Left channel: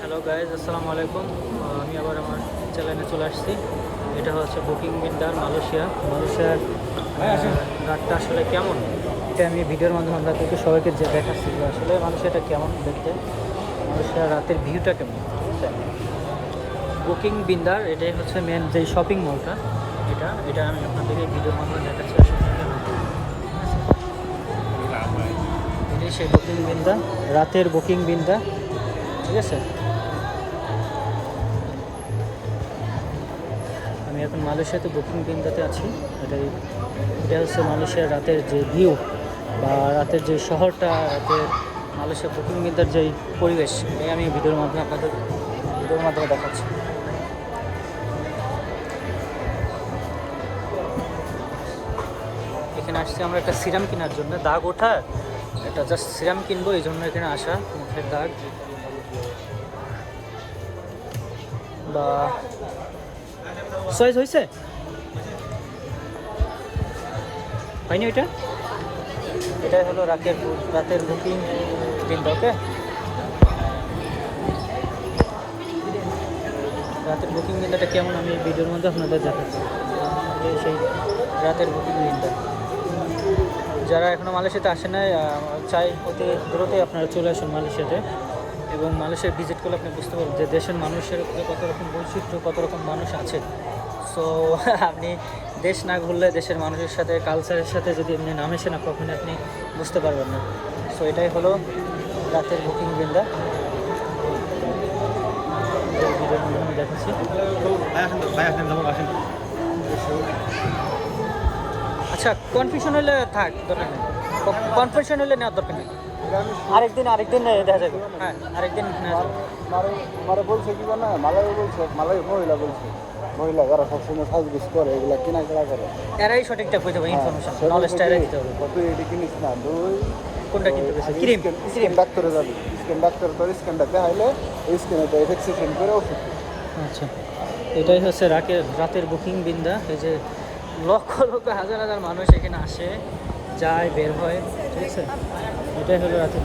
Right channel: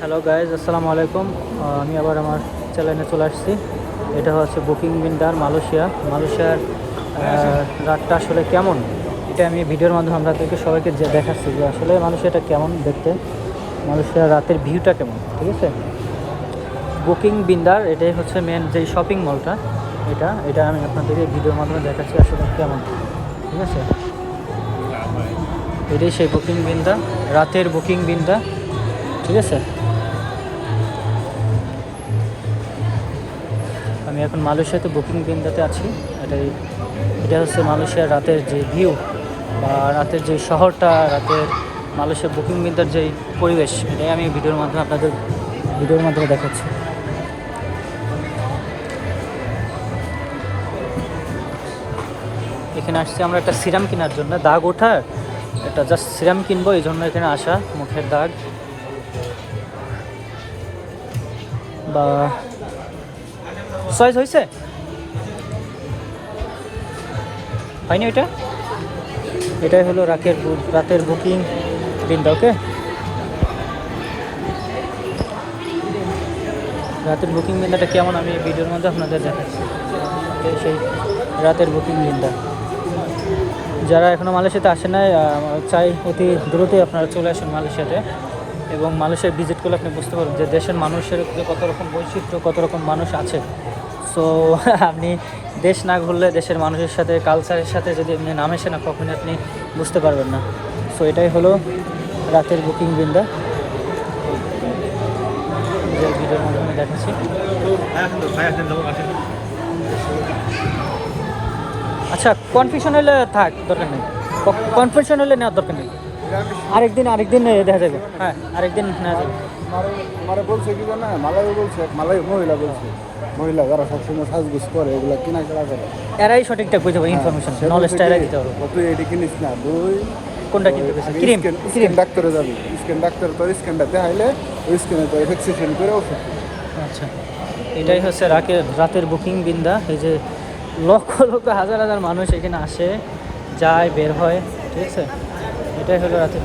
Hello guys, আসসালামু আলাইকুম। আমি আবার আমার চ্যানেলে চলে আসছি। এটা হচ্ছে বুকিং বিন্দার মালয়েশিয়ার রাতটা আসলে কেমন, এটা আমি ভিডিওর মাধ্যমে আপনাদেরকে সবাইকে যে দেখাচ্ছি যে আসলে মালয়েশিয়াটা কেমন দেখতে, মালয়েশিয়ার রাতের ভিউটা কেমন। ঠিক আছে, বুকিং বিন্দার এটাই হচ্ছে মেন যে শপিং মলটা, এটা এটা আমি আপনাদেরকে ভিডিওর মাধ্যমে দেখাচ্ছি আসলে কেমন। ঠিক আছে, এটাই সেই বুকিং বিন্দা, রাতের বুকিং বিন্দা। ঠিক আছে, আমি এখন মালয়েশিয়াতে বুকিং বিন্দাতে আছি। এটা হচ্ছে মালয়েশিয়ার রাতের যে ভিউ বা রাতের যে শহরটা, রাতের মালয়েশিয়া বুকিং বিন্দার যে পরিবেশ, এটাই আমি ভিডিওর মাধ্যমে দেখাচ্ছি। এখানে আসছি আমরা একটা সিরাম কেনার জন্য, দাগ ওঠার একটা জাস্ট সিরাম কিনবো, এই জন্য এখানে আসা। মুখের দাগ বা সয়েজ হয়েছে হয়নি, এটাই হলো রাতের বুকিং বিন্দা। ওকে, রাতের বুকিং বিন্দাটা কেমন আমি ভিডিওর মধ্যে আপনাদের দেখাচ্ছি। এটাই সেই রাতের বুকিং বিন্দা। যারা এখনও মালয়েশিয়াতে আসে নাই, চাই অতি দ্রুতই আপনারা চলে আসেন মালয়েশিয়াতে, এবং মালয়েশিয়া ভিজিট করলে আপনি বুঝতে পারবেন যে দেশের মানুষের কত রকম বৈচিত্র্য, কত রকম মানুষ আছে। সো আপনি দেশ না ঘুরলে দেশের মানুষের সাথে, কালচারের সাথে যদি আপনি নামেছেন না, কখনই আপনি বুঝতে পারবেন না। সো এটাই হলো রাতের বুকিং বিন্দা, ভিডিওর মাধ্যমে দেখাচ্ছি। আচ্ছা, কনফিউশন হলে থাক, দরকার নেই। কনফিউশন হলে নেওয়ার দরকার নেই, আরেকদিন দেখা যাবে। হ্যাঁ, আরেকদিন নেওয়া যাবে। মহিলা যারা সবসময় সাজগুজ করে এগুলা কেনাকাটা করে, এরাই সঠিকটা বুঝতে পারবে, ইনফরমেশন নলেজটা এরাই দিতে পারবো। তুই এটি কিনিস না, তুই কোনটা কিনতে পেরেছে? ক্রিম স্কিন ডাক্তারে যাবি, স্কিন ডাক্তার তোর স্কিনটা দেখাইলে ওই স্কিনে তো ভ্যাকসিনেশন করে ওষুধ। আচ্ছা, এটাই হচ্ছে রাতের বুকিং বিন্দা। এই যে লক্ষ লক্ষ হাজার হাজার মানুষ এখানে আসে, যায়, বের হয়। ঠিক আছে, এটাই হলো রাতের